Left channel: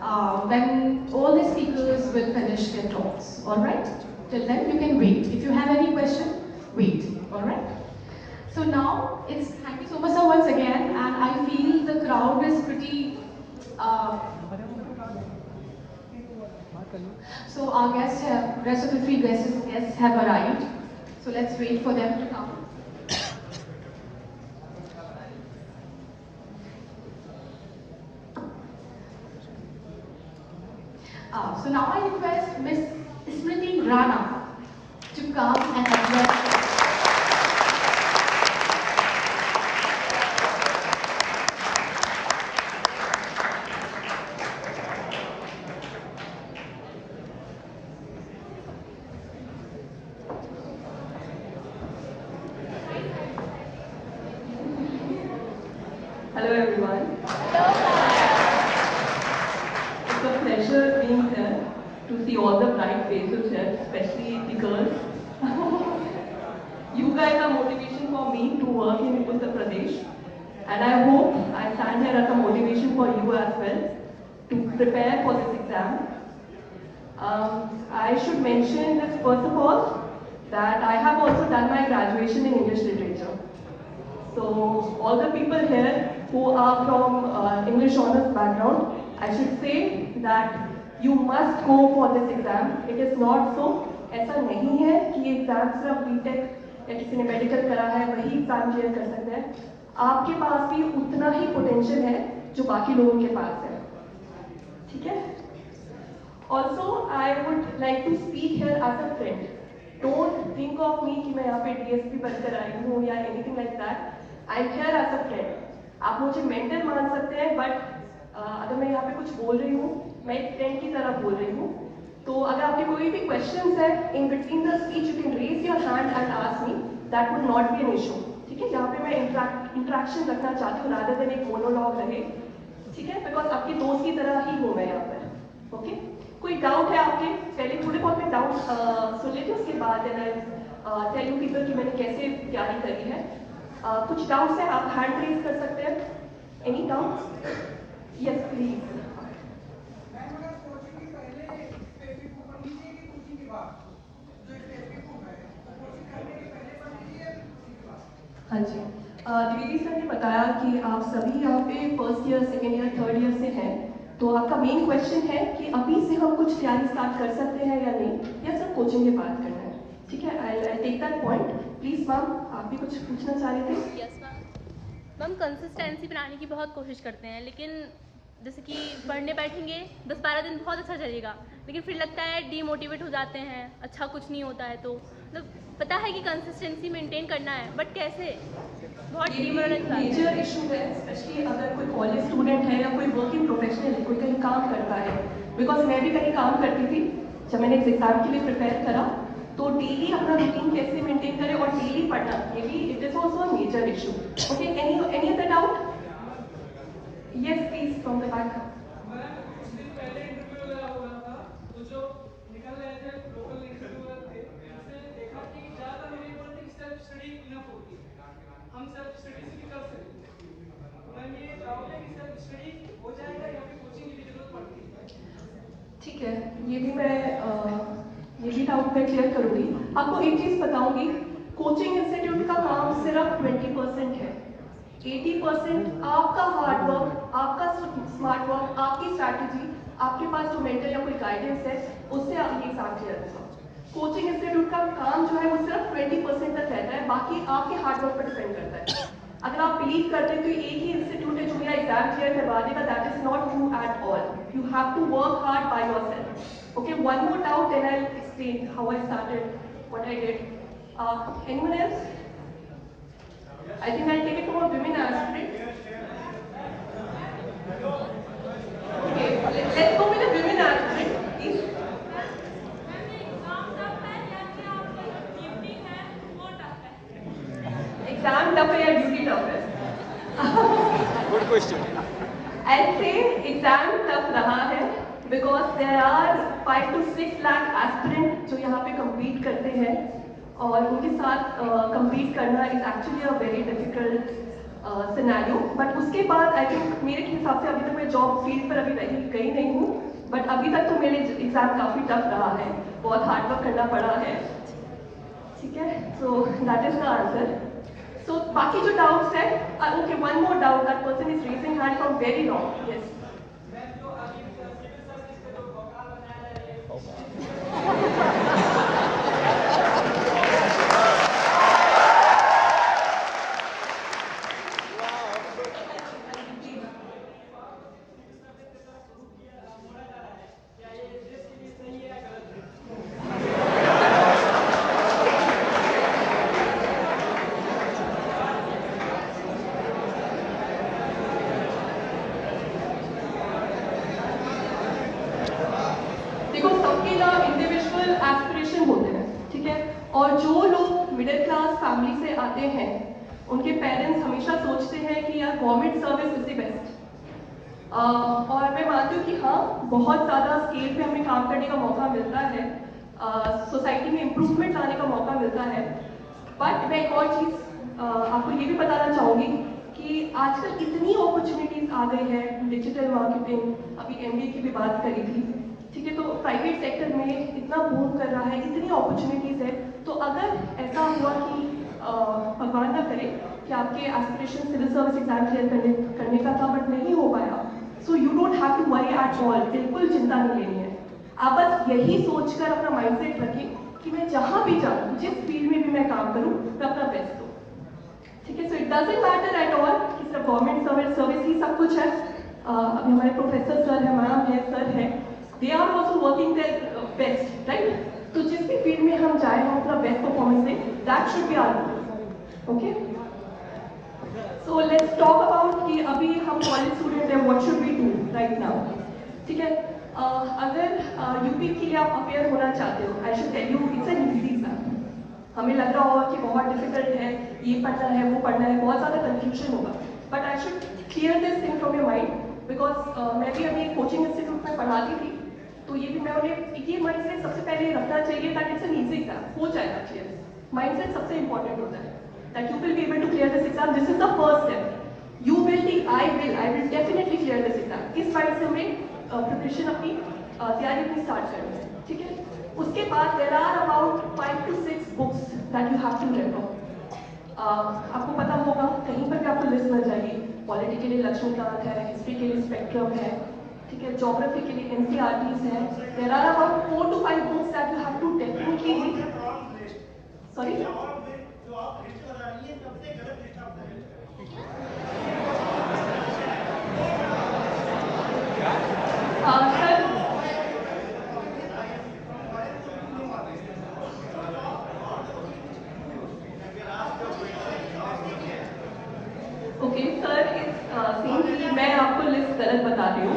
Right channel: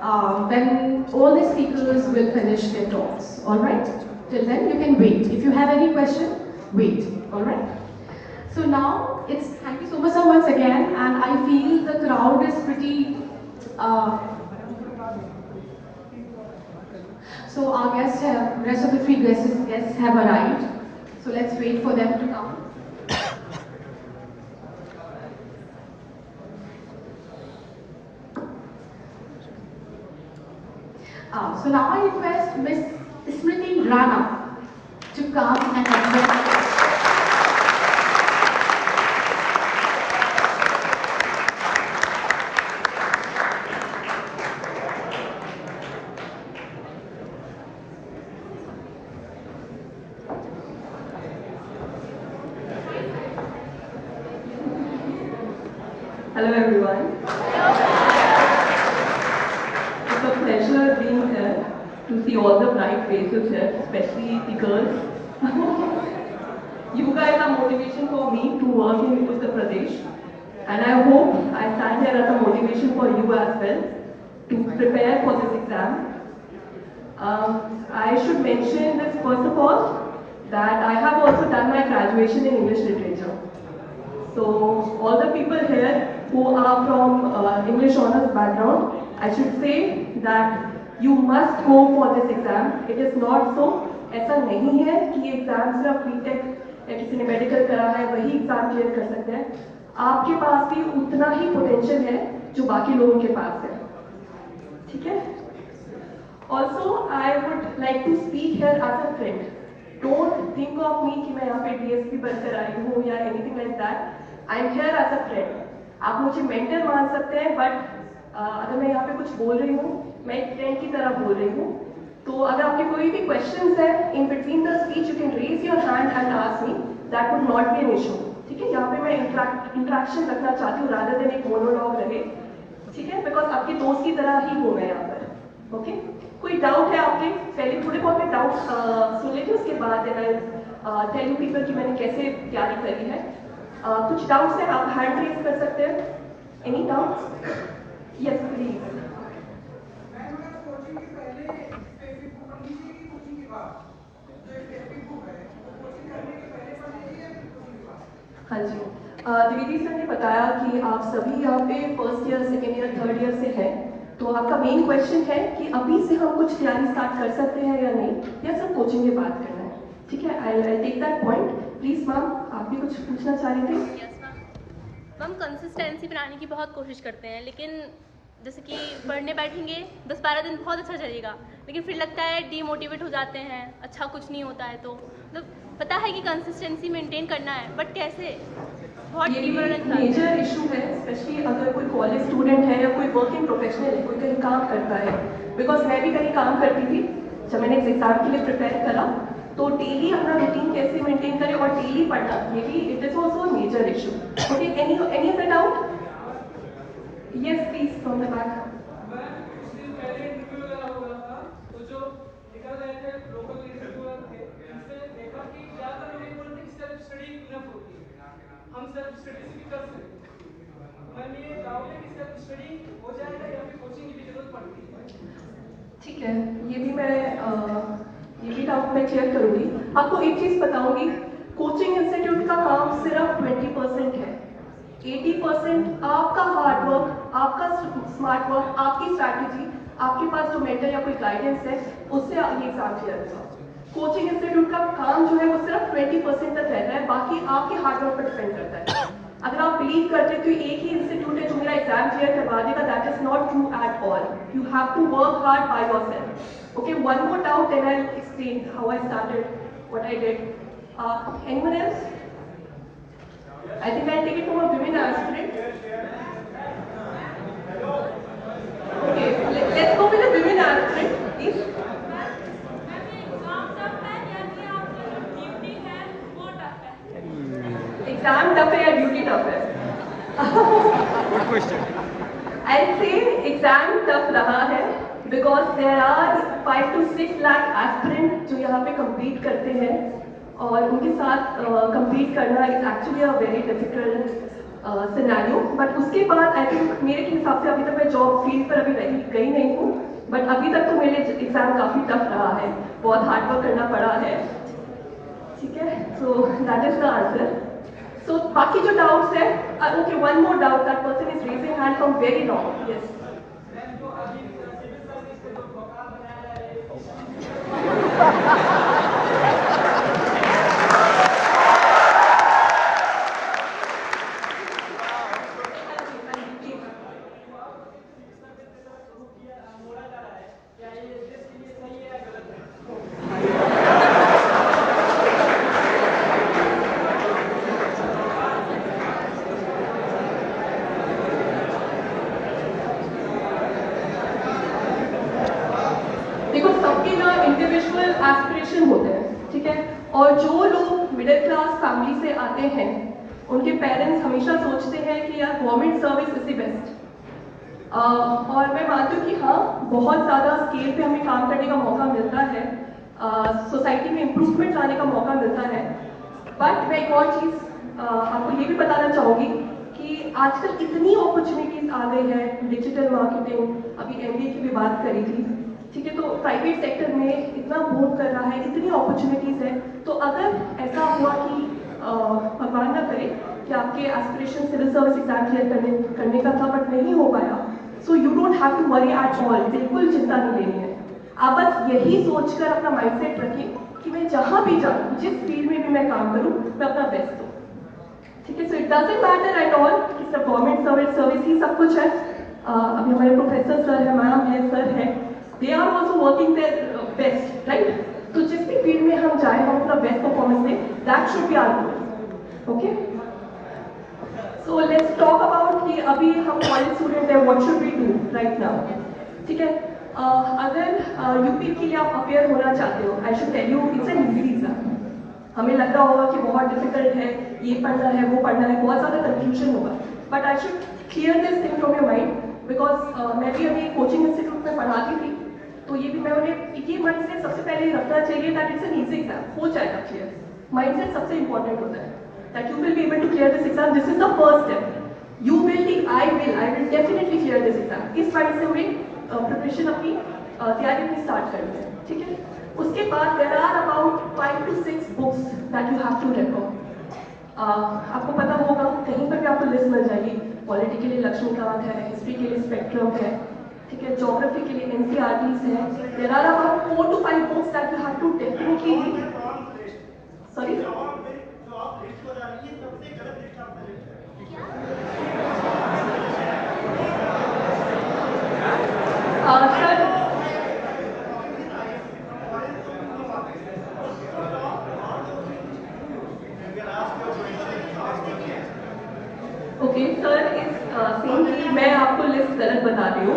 when all the speakers will finish their talks. All right? Till then, you can wait. If you have any question, wait. All right? So now it's thank you so much once again, and I feel the crowd is pretty. Uh, so our guests have rest of the three guests have arrived. So let's wait for them to come. So now I request Miss Smriti Rana to come and address. Hello everyone. It's a pleasure being here to see all the bright faces here, especially the girls. You guys are motivation for me to work in Uttar Pradesh, and I hope I stand here as a motivation for you as well to prepare for this exam. I should mention this first of all that I have also done my graduation in English literature. So all the people here who are from English honors background, I should say that you must go for this exam. It is not so. ऐसा नहीं है कि ये exam सिर्फ BTech या किसी ने medical करा है वही एग्जाम क्लियर कर सकते हैं. आपके पास भी उतना ही पोटेंशियल है जो बाकी लोगों के पास है. ठीक है? Also, I would like to speak here as a friend. Don't think of me कि मैं यहाँ पे DSP बनकर आई हूँ या anything like that. I'm here as a friend. आप मुझे मेंटर मान सकते हैं, बट अगर मैं यहाँ पे कुछ बोल रही हूँ, मैं एक फ्रेंड की तरह बोल रही हूँ. तो अगर आपके कोई भी क्वेश्चंस है in between the speech, you can raise your hand and ask me. That would not be an issue. ठीक है? यहाँ पे मैं इंट्रैक्शन रखना चाहती हूँ रादर देन एक मोनोलॉग रहे. ठीक है? बिकॉज आपके दोस्त की तरह ही हूँ मैं यहाँ पर. ओके? कोई डाउट है आपके? पहले थोड़े बहुत डाउट सुन लेते उसके बाद टेल यू पीपल कि मैंने कैसे तैयारी करी है. कुछ डाउट्स हैं, आप हैंड रेज कर सकते हैं. Any doubts? Yes please. हाँ जी, द्विवेदी सर ने बताया कि आप सभी यहाँ पे first year, second year, third year से हैं. तो आपका मेन क्वेश्चन है कि अभी से हम कुछ तैयारी स्टार्ट कर सकते हैं या नहीं, या सब कोचिंग के बाद करना है. ठीक है? I take that point. Please ma'am, आप भी कुछ पूछना चाह रही थी? हम कंसिस्टेंसी बनाने की बहुत कोशिश करते हैं, लेकिन जैसे कि पढ़ने बैठेंगे 10-12 दिन बहुत अच्छा चलेगा, लेकिन फिर लगता है डीमोटिवेट हो जाते हैं, अच्छा कुछ नहीं होता है. तो मतलब पता है कि कंसिस्टेंसी मेंटेन करना है, बट कैसे बहुत डिमोरलाइज हो जाते हैं. मेजर इशू है, स्पेशली अगर कोई कॉलेज स्टूडेंट है या कोई वर्किंग प्रोफेशनल है, कोई कहीं काम करता है. बिकॉज मैं भी कहीं काम करती थी जब मैंने एग्जाम के लिए प्रिपेयर करा. तो डेली अपना रूटीन कैसे मेंटेन करें और डेली पढ़ना, ये भी it is also major issue. Okay, any other doubt? Yes please from the back. हम सेल्फ स्टडी भी कर सकते हैं. मैं ये डाउट है कि सेल्फ स्टडी हो जाएगा या फिर कोचिंग की भी जरूरत पड़ती है. ठीक है, ये भी डाउट मैं क्लियर करूंगी. आपको एक चीज बताऊंगी, कोचिंग इंस्टीट्यूट का काम सिर्फ 20% है. 80% आपका हार्ड वर्क, आपका स्मार्ट वर्क, आपकी स्ट्रैटेजी, आपके पास जो मेंटर या कोई गाइडेंस है, उससे आप ये एग्जाम क्लियर होगा. कोचिंग इंस्टीट्यूट का काम जो है वो सिर्फ 20% तक रहता है, बाकी आपके हार्डवर्क पर डिपेंड करता है. अगर आप बिलीव करते हैं कि एक ही इंस्टीट्यूट है जो मेरा एग्जाम क्लियर करवा देगा, that is not true at all. You have to work hard by yourself. Okay, one more doubt then I explain how I started, what I did. Anyone else? I think I'll take it from a women aspirant. Okay, let's go with a women aspirant, please. Exam tough है या duty tough है? Good question. I'll say exam tough रहा है because there are 5 to 6 lakh aspirants जो यहाँ पे compete करते हैं. और उनके साथ compete करना is actually a very difficult scenario, but उसके बाद आई थिंक मेरे हिसाब से अभी तक मैं जॉब फील्ड पर अभी गई नहीं हूँ, बट अभी तक तो मेरे एग्जाम काफ़ी टफ रहा है, बहुत हार्ड वर्क करना पड़ा है, ठीक है। So that is the answer. So बाकी जो डाउट्स है, okay one more doubt, that person is raising hand from very long. Yes देखो, सबके ना इंडिविजुअल एस्पिरेशन होते हैं, ठीक है। और जो लोग मिडिल क्लास फैमिली से आते हैं, उनके पेरेंट्स हमेशा सोचते हैं कि यार government service is the best. और मैं मानती हूँ कि हाँ, बहुत ज़्यादा स्केल पे हमें काम करने का मौका मिलता है, सोसाइटी में इम्प्रूवमेंट लाने का मौका मिलता है। बट मैं एक और चीज़ आपको ये भी बताना चाहूँगी कि आजकल इतनी अपॉर्चुनिटीज़ आ गई है, डिजिटल मार्केटिंग, अभी MBA की भी बात करी थी, ठीक है। तो प्राइवेट सेक्टर में इतना बूम कर रहा है, इतनी अपॉर्चुनिटीज़ है। तो अगर ऐसा हुआ कि भगवान ना करे कि आपके aspiration civil service exam clear करने का था बट नहीं हो पाया, so you don't have to worry at all, बिल्कुल चिंता नहीं लेनी है। आप बस यही सोचकर अपना माइंडसेट रखें कि मैं जहाँ भी जाऊँ, जिस फील्ड में भी मैं काम करूँ, मैं अपना बेस्ट दूँ, ठीक है। So it doesn't matter at all कि सब गवर्नमेंट सर्विस ही सब कुछ है। अभी हमारे प्रोफेसर सर है, मैम है, सर है, they are also working their best, right. तो जिस भी फील्ड में हम जाए, हम अपना बेस्ट परफॉर्मेंस दें, that should be our goal, okay. So let's talk about कि अभी हम कॉलेज स्टूडेंट है, what should we do right now, ठीक है। अगर यूपी के लिए आप अपेयर होना चाहते हो, I should tell you it's an easy exam. हमें लग रहा होगा कि बहुत डिफिकल्ट है, ये पढ़ना है, वो पढ़ना है, बहुत ज़्यादा कंफ्यूजन होगा, but I should clear this thing from your mind, because मैं भी अभी कोचिंग इंस्टीट्यूट में पढ़ाती थी, तो ये भी मैं उन्हें ये माइंडसेट सबसे पहले रखना चाहिए that it's an easy exam, हो जाएगा क्लियर। माइंडसेट सबसे इंपॉर्टेंट होता है that you will be able to clear this exam, this is the first step. You will be, I will definitely clear this exam. इस माइंडसेट में preparation अपनी तैयारी अपनी स्टार्ट करनी है, ठीक है। उसके बाद there are about 5 to 6 books that you have to refer. आपको पता होगा, कहीं पर भी आपको लिस्ट मिल जाएगी, पॉलिटी के लिए लक्ष्मीकांत है, हिस्ट्री के लिए स्पेक्ट्रम है, ठीक है, ज्योग्राफी के लिए NCERTs है। There are about 4 to 5 books that you have to definitely read. Sorry, sir okay, sir इस सेम की मैं आपको लिस्ट गलत बता रही हूँ।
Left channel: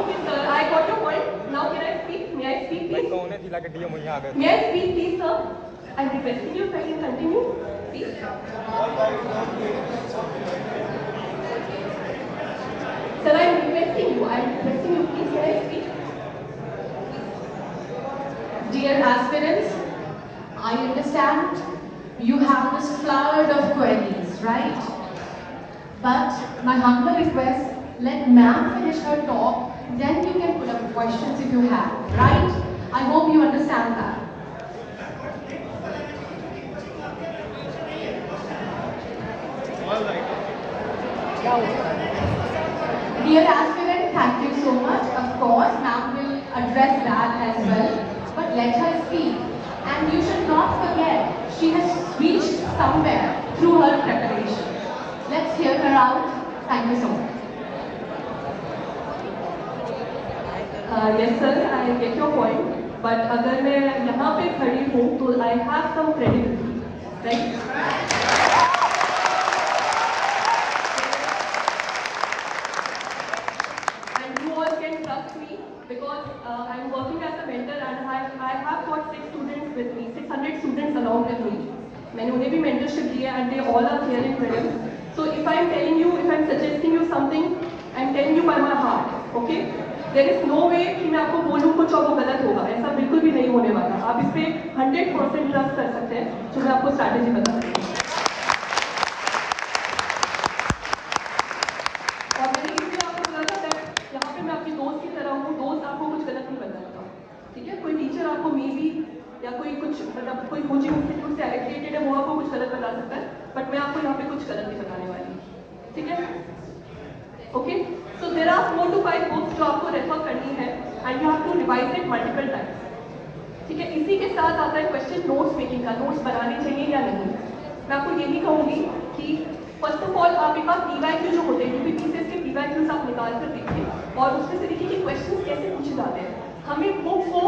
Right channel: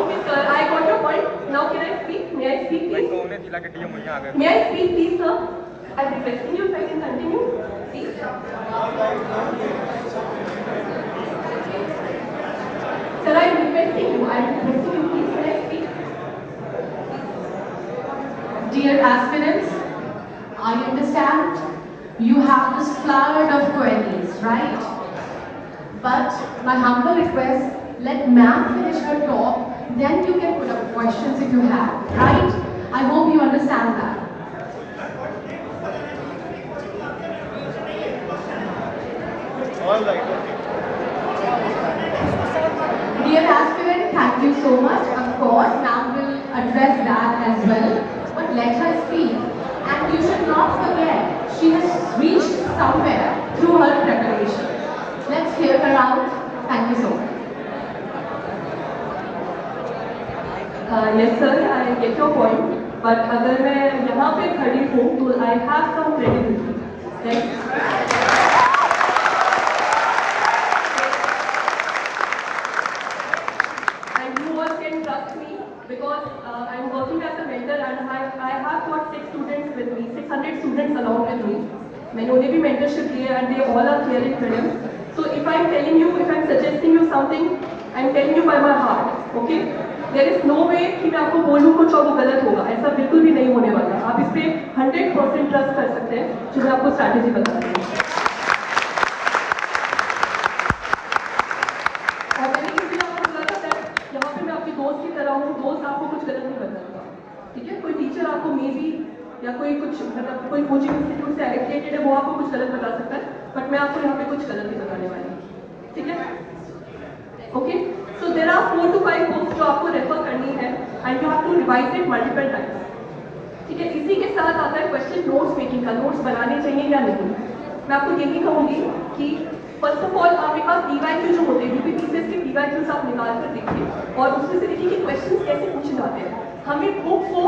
Okay sir, I got your point. Now can I speak? May I speak please? May I speak please sir? I'm requesting you if I can continue, please. Sir, I'm requesting you. I'm requesting you, please. May I speak? Dear aspirants, I understand you have this flood of queries, right? But my humble request, let ma'am finish her talk, then you can put up questions if you have, right? I hope you understand that. Dear aspirant, thank you so much. Of course, ma'am will address that as well. But let her speak. And you should not forget, she has reached somewhere through her preparation. Let's hear her out. Thank you so much. Yes sir, I get your point. But अगर मैं यहाँ पे खड़ी हूँ तो I have some credibility, right? And you all can trust me because I'm working as a mentor and I have got 6 students with me, 600 students along with me. मैंने उन्हें भी mentorship दिया and they all are clearing prelims. So if I'm telling you, if I'm suggesting you something, I'm telling you by my heart, okay? There is no way कि मैं आपको बोलूँ कुछ और वो गलत होगा, ऐसा बिल्कुल भी नहीं होने वाला। आप इस पे 100% ट्रस्ट कर सकते हैं जो मैं आपको स्ट्रैटेजी बता रही हूँ। और मैंने किसी आपको बोला था यहाँ पे मैं आपके दोस्त की तरह हूँ, दोस्त आपको कुछ गलत नहीं बता, ठीक है? कोई टीचर आपको मे बी या कोई कुछ मतलब कोई कोचिंग इंस्टीट्यूट से एलोकेटेड है वो आपको कुछ गलत बता सकता है, बट मैं आपको यहाँ पे कुछ गलत नहीं बताने वाली, ठीक है? Okay, so there are 4 to 5 books जो आपको रेफर करनी है and you have to revise it multiple times, ठीक है? इसी के साथ आता है क्वेश्चन नोट्स मेकिंग का, नोट्स बनाने चाहिए या नहीं। मैं आपको यही कहूँगी कि फर्स्ट ऑफ ऑल आपके पास पीवाईक्यू जो होते हैं, यूपीपीसीएस के पीवाईक्यूज आप निकाल कर देखिए और उसमें से देखिए कि क्वेश्चन कैसे पूछे जाते हैं। हमें बुक को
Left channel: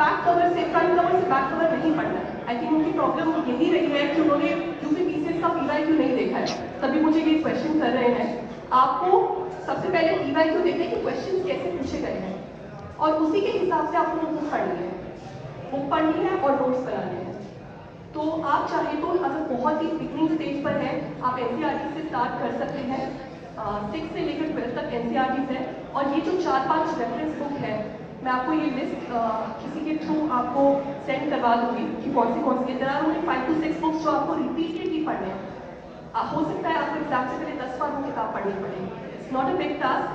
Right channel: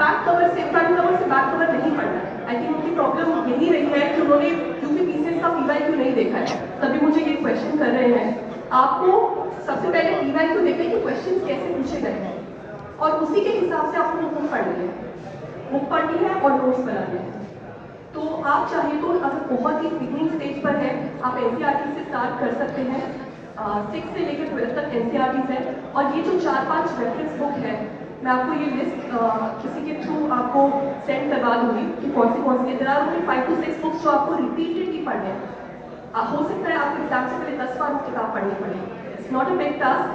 बैक कवर से फ्रंट कवर से बैक कवर नहीं पढ़ना है। आई थिंक उनकी प्रॉब्लम यही रही है कि उन्होंने यूपीपीसीएस का पीवाईक्यू नहीं देखा है, तभी मुझे ये क्वेश्चन कर रहे हैं। आपको सबसे पहले पीवाईक्यू देखिए कि क्वेश्चन कैसे पूछे गए हैं और उसी के हिसाब से आपको बुक पढ़नी है, बुक पढ़नी है और नोट्स बनाने हैं। तो आप चाहे तो अगर बहुत ही बिगनिंग स्टेज पर है, आप एनसीईआरटी से स्टार्ट कर सकते हैं। 6 से लेकर 12 तक एनसीईआरटीज है और ये जो 4-5 रेफरेंस बुक है, मैं आपको ये लिस्ट किसी के थ्रू आपको सेंड करवा दूंगी कि कौन सी there are only 5 to 6 books जो आपको रिपीटेडली पढ़ने हैं। हो सकता है आप एग्जाम से पहले 10 बार वो किताब पढ़नी पड़े, it's not a big task,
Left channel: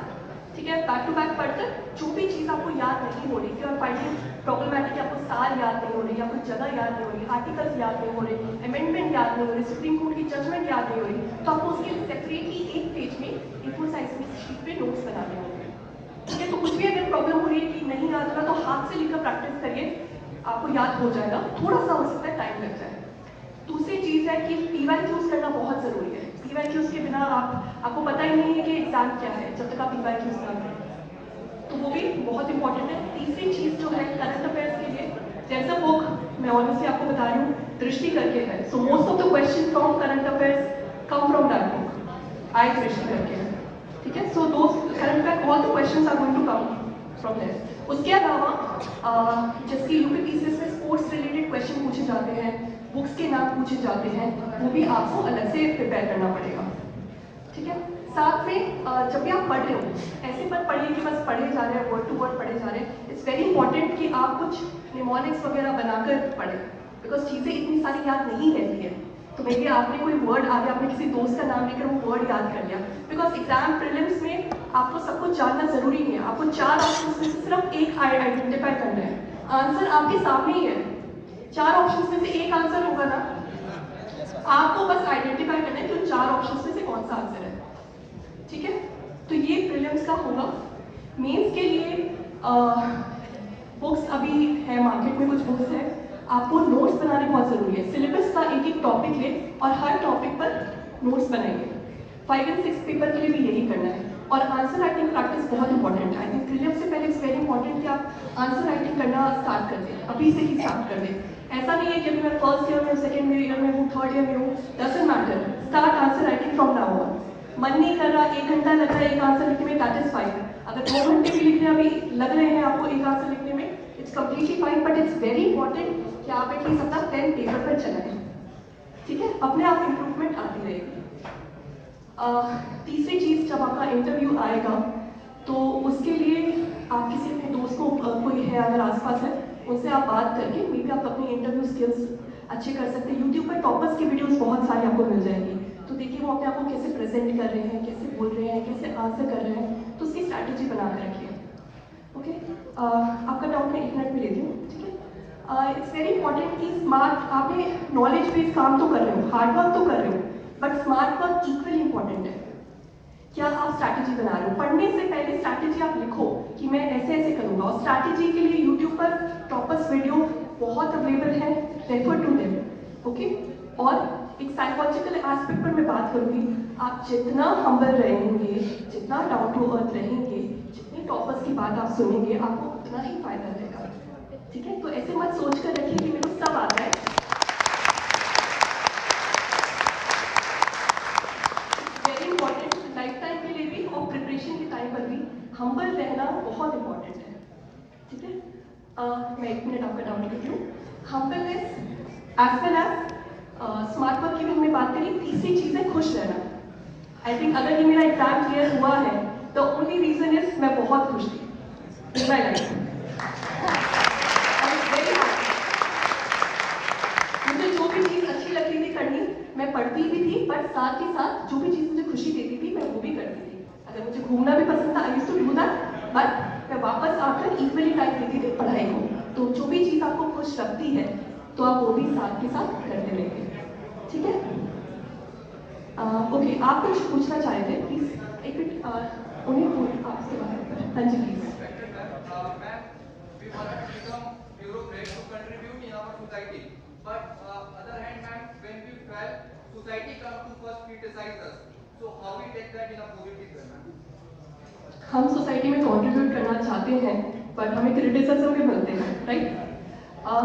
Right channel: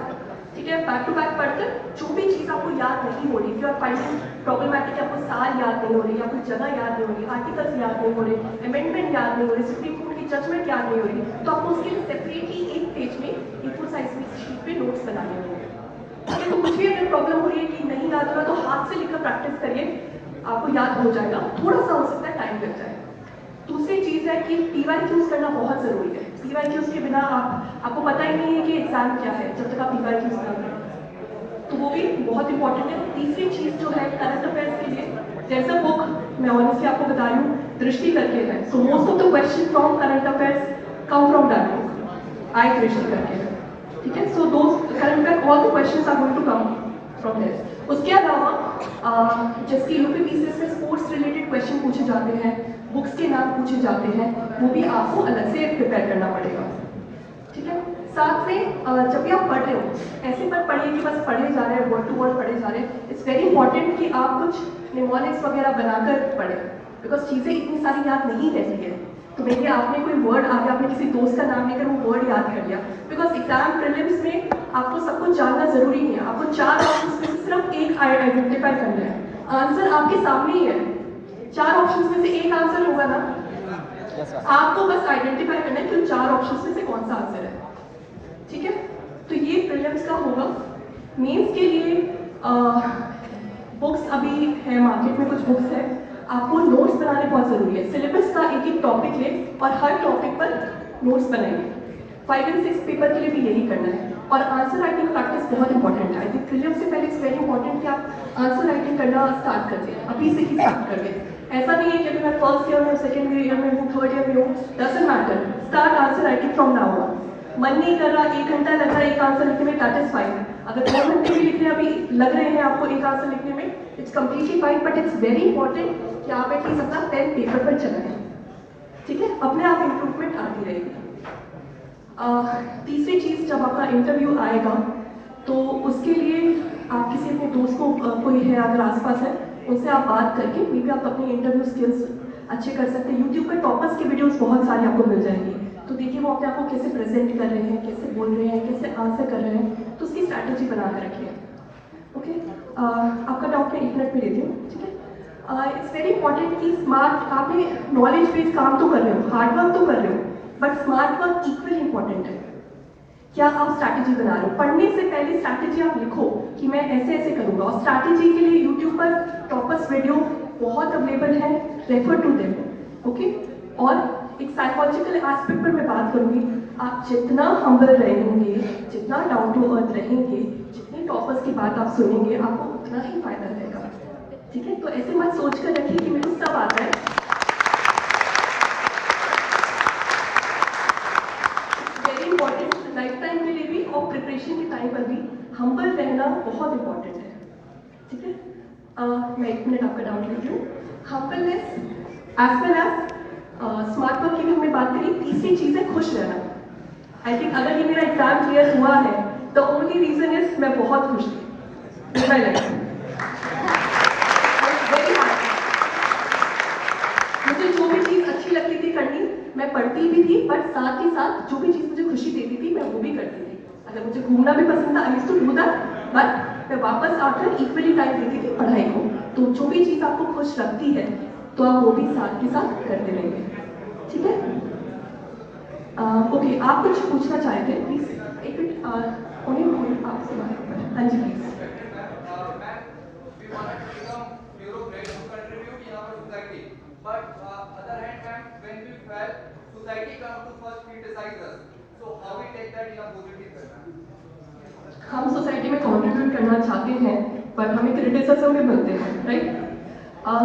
ठीक है? बैक टू बैक पढ़कर जो भी चीज़ आपको याद नहीं हो रही, फिर फाइंडिंग प्रॉब्लमैटिक, आपको साल याद नहीं हो रही या कुछ जगह याद नहीं हो रही, आर्टिकल्स याद नहीं हो रहे, अमेंडमेंट याद नहीं हो रही, सुप्रीम कोर्ट की जजमेंट याद नहीं हो रही, तो आपको उसके लिए सेपरेटली एक पेज में A4 साइज में शीट पे नोट्स बनाने होंगे। तो कुछ भी अगर प्रॉब्लम हो रही है कि नहीं याद हो रहा तो हाथ से लिखकर प्रैक्टिस करिए, आपको याद हो जाएगा। थोड़ा सा हो सकता है टाइम लग जाए। दूसरी चीज़ है कि पीवाईक्यूज करना बहुत ज़रूरी है। पीवाईक्यूज के बिना आपको पता ही नहीं है कि एग्जाम क्या है जब तक आप पीवाईक्यूज ना करें, तो वो भी बहुत इंपॉर्टेंट है। तीसरी चीज़ जो है करंट अफेयर्स के लिए देयर इज अ बुक, मैं ऑनेस्टली आपको बता रही हूँ, दृष्टि करके है। So most of the question from current affairs come from that book, I Drishti करके, ठीक है? So those current affair all the questions are going to come from there. उसके अलावा जैसे यूपीपीसीएस में स्पोर्ट्स रिलेटेड क्वेश्चन पूछे जाते हैं, बुक्स के नाम पूछे जाते हैं, वो भी आपको अलग से प्रिपेयर करना पड़ेगा, ठीक है? साथ में जब भी आप पढ़ रहे हो ऐसे मत पढ़िए कि बस पढ़े जा रहे हैं, वर्ड टू वर्ड पढ़े जा रहे हैं। इट्स वेरी इंपॉर्टेंट कि आप कुछ निमोनिक्स वगैरह बनाकर पढ़ें, बिकॉज चीज़ें इतनी सारी याद नहीं रहती है। तो देखिए आपने कोई वर्ड आगे आपने किसी दोस्त का नाम लेकर वो वर्ड याद कर लिया, बिकॉज एग्जाम प्रीलिम्स में आपको सब कुछ जानना जरूरी नहीं है। आपको 4 ऑप्शन में से सिर्फ एक आइडेंटिफाई करना है, आंसर आपके सामने ही है। 4 ऑप्शन में से एक आंसर होगा ना, आपको बस आइडेंटिफाई करना है कि 4 ऑप्शन में से कौन सा आंसर है, ठीक है? तो ये प्रीलिम्स का होगा। मेंस के लिए बुक्स अभी है मार्केट में, कुछ बुक्स है, आपको नोट्स बनाने बहुत जरूरी है। सिलेबस का एक टॉपिक ले और हर टॉपिक पर नोट्स बनाएंगे। 5 and 6 पेपर के लिए भी यही करना है। और आंसर राइटिंग प्रैक्टिस बहुत इंपॉर्टेंट है। आई थिंक प्रीलिम्स से पहले इट्स वेरी इंपॉर्टेंट कि आप आंसर राइटिंग करना स्टार्ट कर दें, अभी से ही स्टार्ट कर दें। ऐसा नहीं है कि मैं फर्स्ट ईयर में, सेकेंड ईयर में हूँ, थर्ड ईयर में हूँ, doesn't matter, start answer writing from now on. मन नहीं कर रहा, 1 घंटा लग रहा है एक आंसर लिखने में, दैट इज फाइन। अगर 2 घंटे भी लिखने अभी लग रहे हैं आपको एक आंसर लिखने में, it's completely fine, but it's very important कि आप एटलीस्ट अपना पेन पेपर पर चलाएं, ठीक है? अपने आप इम्प्रूवमेंट आती रहेगी। तीसरी चीज़, जब आपका इंटरव्यू आएगा तो उसके लिए आप किसी अपने दोस्त को, कोई है अगर आसपास है, उनसे आप बात करके मे बी आप अपनी इंटरव्यू स्किल्स अच्छे कर सकते हैं। यूट्यूब पर टॉपर्स की वीडियोस बहुत सारी आपको मिल जाएंगी, तो देखिए वो अपने आप को कैसे प्रेजेंट कर रहे हैं, कैसे बोल रहे हैं, कैसे आंसर कर रहे हैं, तो उसकी स्ट्रैटेजी बना के रखिए, ओके? आपका डाउट मैं 1 मिनट में देती हूँ, ठीक है? इट्स वेरी इंपॉर्टेंट कि स्मार्ट, आपने नॉलेज बेस्ड काम तो कर रहे हो, हार्ड वर्क तो कर रहे हो, but smart work equally important है। क्या आप स्ट्रैटेजी बना रहे हो? पढ़ने से पहले स्ट्रैटेजी आप लिखो कि मैं ऐसे ऐसे करूंगा, और स्ट्रैटेजी के लिए यूट्यूब पर टॉपर्स वीडियो बहुत अवेलेबल है, रेफर टू देम, ओके? और एक साइकोलॉजिकल एस्पेक्ट पर मैं बात करूंगी, आप जितना हम्बल रहेंगे, जितना डाउन टू अर्थ रहेंगे, जितने टॉपर्स की बात आप सुनेंगे, आपको उतना ही फायदा रहेगा, ठीक है? तो ऐसे मत सोच कर रखिए कि मेरे को सब आता है। वेरी इंपॉर्टेंट, लाइफ टाइम के लिए भी और प्रिपरेशन के टाइम पर भी हम्बल रहना बहुत इंपॉर्टेंट है, ठीक है? मैं 1 मिनट आपका डाउट लेती हूँ। Humbleness as well as smart work की भी हमने बात करी। तीसरी चीज़ है खुश रहना। आई थिंक अगर ये मेरा एग्जाम क्लियर हुआ है द ओनली रीजन इज मैं बहुत खुश थी विद माई लाइफ। मुझे जो भी चीज़ अच्छी लगती थी करनी, मैं पढ़ती भी थी, बट साथ ही साथ जो भी चीज़ मुझे खुशी देती थी मैं वो भी करती थी। अगर मुझे घूमना भी पसंद था, I used to do that, but मैं वापस आकर इक्वली टाइम देती थी पढ़ाई को। तो जो भी चीज़ आपको खुश रखती है तो आप वो भी साथ ही साथ करते रहिए, ठीक है? ओके, आप कुछ पूछना चाहते थे प्लीज? एक मिनट, आपसे हाँ जी प्लीज। हम सोसाइटी में कंट्रीब्यूट करना चाहते हैं, बट हमें क्रिटिसिज्म भी मिलते हैं, राइट?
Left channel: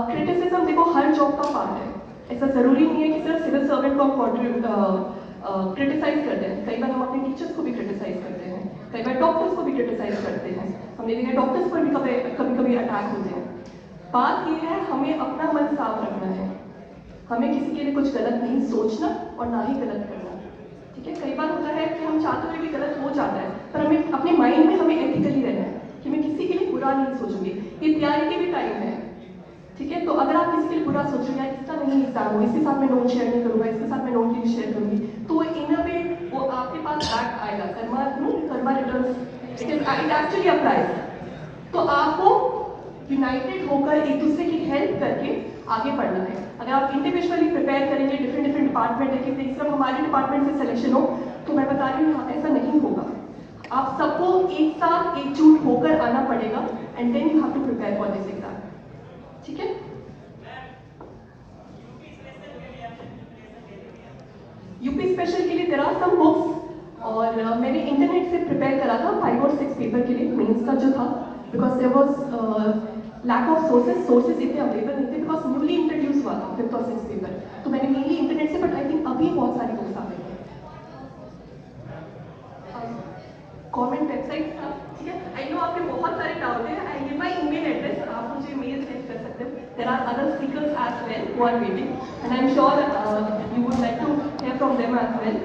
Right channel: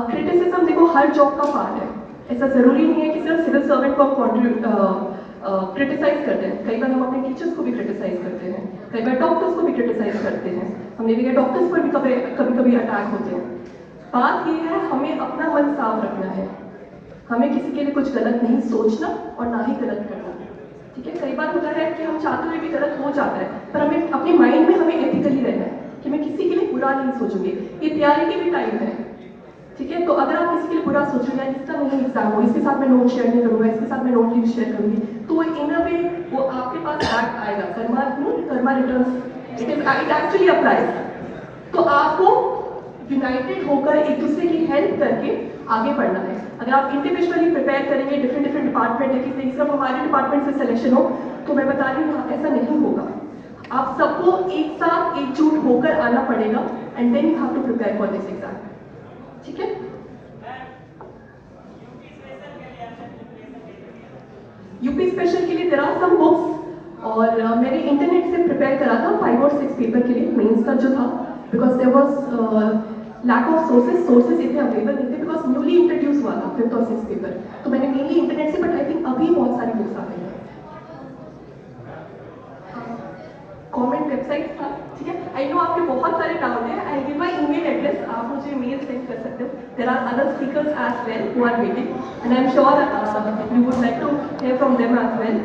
क्रिटिसिज्म देखो हर जॉब का पार्ट है। ऐसा जरूरी नहीं है कि सिर्फ सिविल सर्वेंट को हम क्रिटिसाइज करते हैं। कई बार हम अपने टीचर्स को भी क्रिटिसाइज करते हैं, कई बार डॉक्टर्स को भी क्रिटिसाइज करते हैं। हमने देखा डॉक्टर्स पर भी कभी कभी अटैक होते हैं। बात यह है हमें अपना मन साफ रखना है, हमें किसी के लिए कुछ गलत नहीं सोचना और ना ही गलत करना, ठीक है? कई बार होता है कि हम चाहते हुए भी गलत हो जाता है, पर हमें अपने माइंड में हमें एथिकली रहना है कि मैं किसी के लिए बुरा नहीं सोचूंगी। ये तैयारी के भी टाइम है, ठीक है? तो अगर आप किसी के लिए बुरा सोचेंगे, इसका नहीं एग्जाम हो, इसके साथ मैं नोट शेयर नहीं करूंगा, इसके साथ मैं नोट नहीं शेयर करूंगी, तो इन अ वे वो आपके पास बैक आएगा। Karma returns, it actually applies. तो आपको यूनाइटेड होकर एक दूसरे की हेल्प करके आगे बढ़ना है। अगर आप इंडिविजुअली प्रिपेयर करेंगे, डिफरेंट डिपार्टमेंट है कि सिर्फ हमारे डिपार्टमेंट से सिलेक्शन हो, तो मैं बता रही हूँ ऐसा नहीं होगा। आप सबको एक साथ एकजुट होकर आना पड़ेगा and then you have to prepare for this exam, ठीक है? यूपी स्पेशल के लिए देयर आर सम बुक्स, और मैंने इंटरनेट से प्रिपेयर करा था 5 और 6 पेपर के लिए, मेंस का जो था, because there was lack of sources इतने अवेलेबल नहीं थे, बिकॉज न्यूली इंट्रोड्यूस हुआ था 5th और 6th पेपर। तो मैंने मेनली इंटरनेट से, बट आई थिंक अभी बहुत सारी बुक्स आ गई हैं। गवर्नमेंट वेबसाइट था, ठीक है? आई नो आपके बहुत सारे डाउट है, I give my email address, आप मुझे मेल सेंड कर सकते हो। There are other speakers as well who are waiting, and I am sure you would like to hear from them as well.